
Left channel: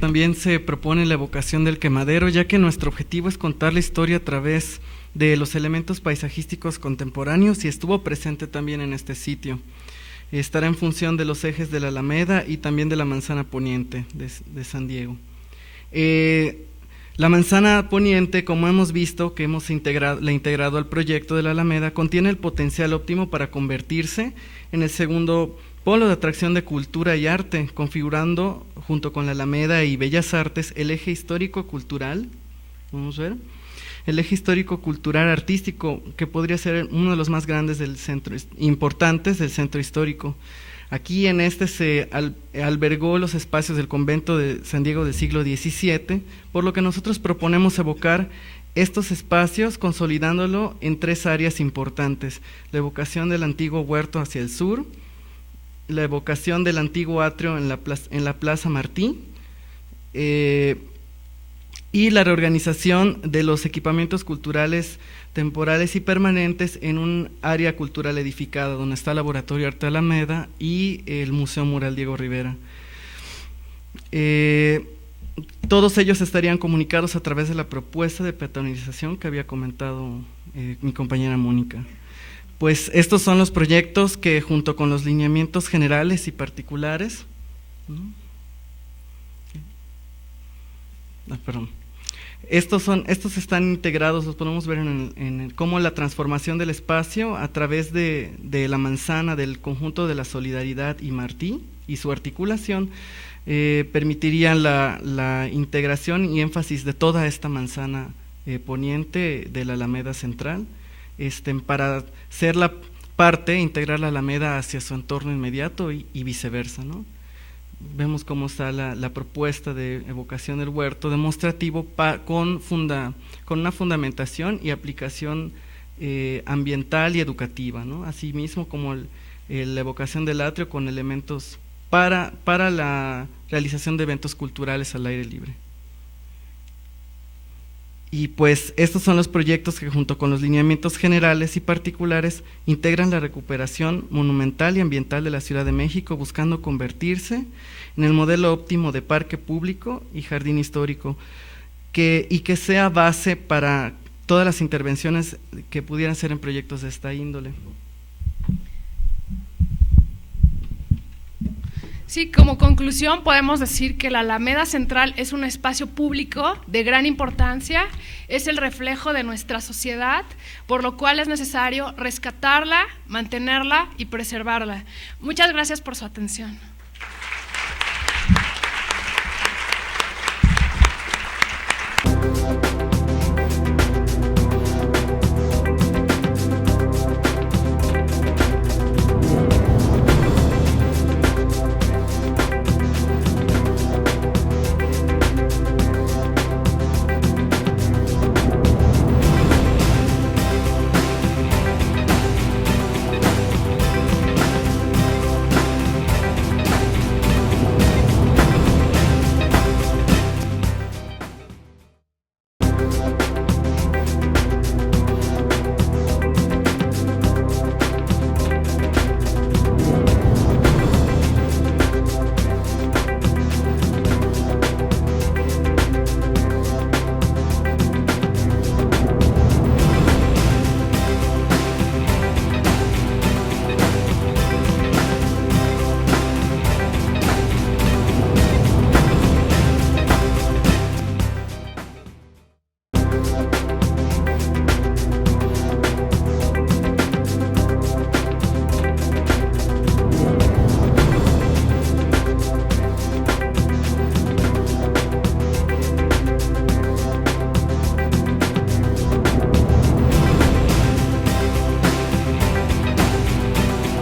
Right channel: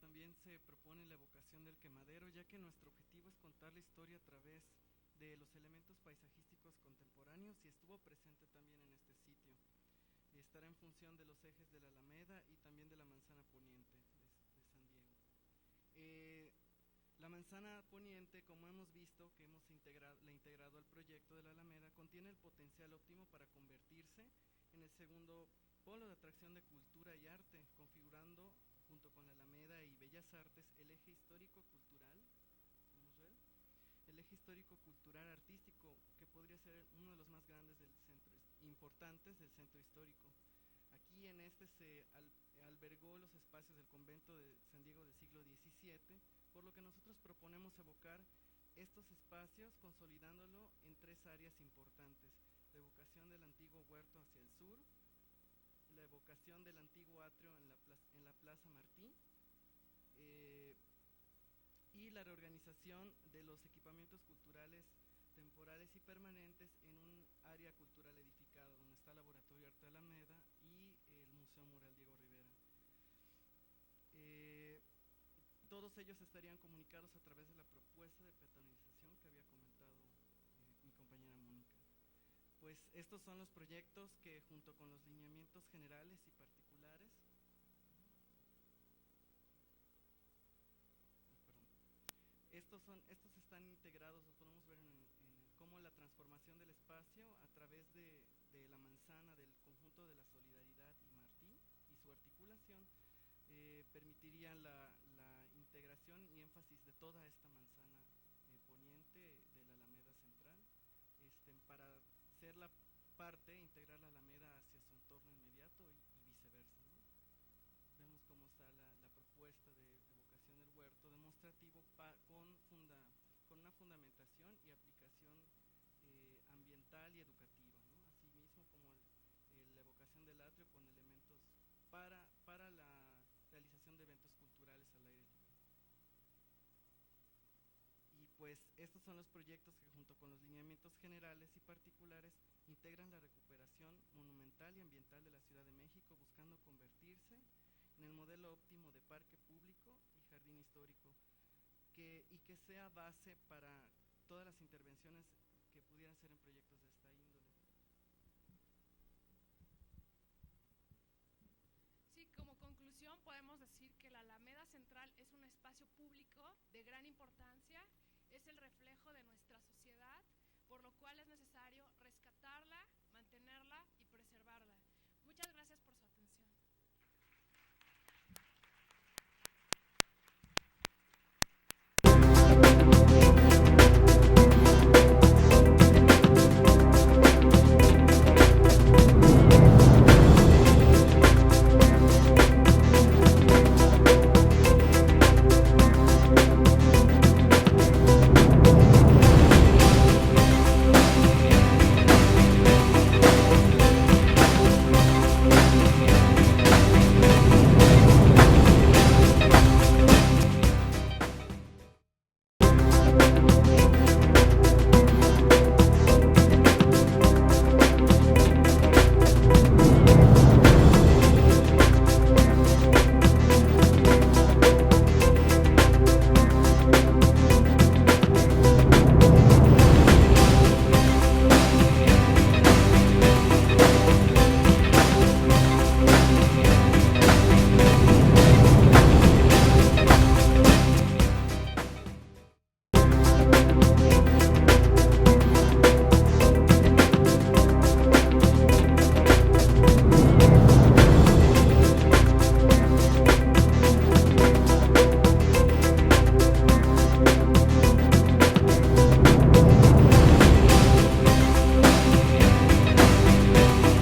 También se propone la evocación del quemadero, ya que nuestro objetivo es contar la historia a través de los elementos paisajísticos contemporáneos, y estuvo presente también en este sitio. Estará en función de los ejes de la Alameda y también de la manzana poniente de San Diego. La manzana poniente, como hemos visto, que la he integrado al proyecto de la Alameda, contiene el potencial óptimo para convertirse en el segundo polo de atracción de cultura y arte, configurando, junto con la Alameda y Bellas Artes, el eje histórico-cultural, vamos a ver, el eje histórico-cultural artístico, que podría ser uno de los más grandes del centro, importantes del centro histórico. Aquí en este se albergó los espacios del convento de San Diego del siglo XVII, por lo que nosotros proponemos evocar estos espacios consolidándolo en 3 áreas importantes: la evocación del antiguo huerto hacia el sur, la evocación del antiguo atrio en la Plaza Martí, y la reorganización de los equipamientos culturales temporales y permanentes en un área cultural edificada, donde está el Laboratorio Arte Alameda y el Museo Mural Diego Rivera. Todos ellos estarían comunicados a través de la propuesta de peatonalización que había comentado mi compañera Mónica. Pues estos son los proyectos que, junto con los lineamientos generales y particulares, estos están integrados, los podemos ver en cómo la transformación del espacio a través de la manzana, del conjunto de la Solidaridad y Martí y su articulación, permitirían la integración y énfasis de toda esta manzana poniente de la Alameda Central, para ser la parte, integrar la Alameda hacia su entorno inmediato y viceversa, ¿no? Vemos cómo está la propuesta de evocación del huerto demostrativo con una fundamentación y aplicación ambiental y educativa, ¿no? Asimismo como la evocación del atrio con elementos para la realización de eventos culturales al aire libre. Y pues estos son los proyectos que, junto con los lineamientos generales y particulares, integran la recuperación monumental y ambiental de la Ciudad de México, buscando convertirse en el modelo óptimo de parque público y jardín histórico, y que sea base para todas las intervenciones que pudieran ser en proyectos de esta índole. Sí, como conclusión podemos decir que la Alameda Central es un espacio público de gran importancia, es el reflejo de nuestra sociedad, por lo cual es necesario rescatarla, mantenerla y preservarla. Muchas gracias por su atención.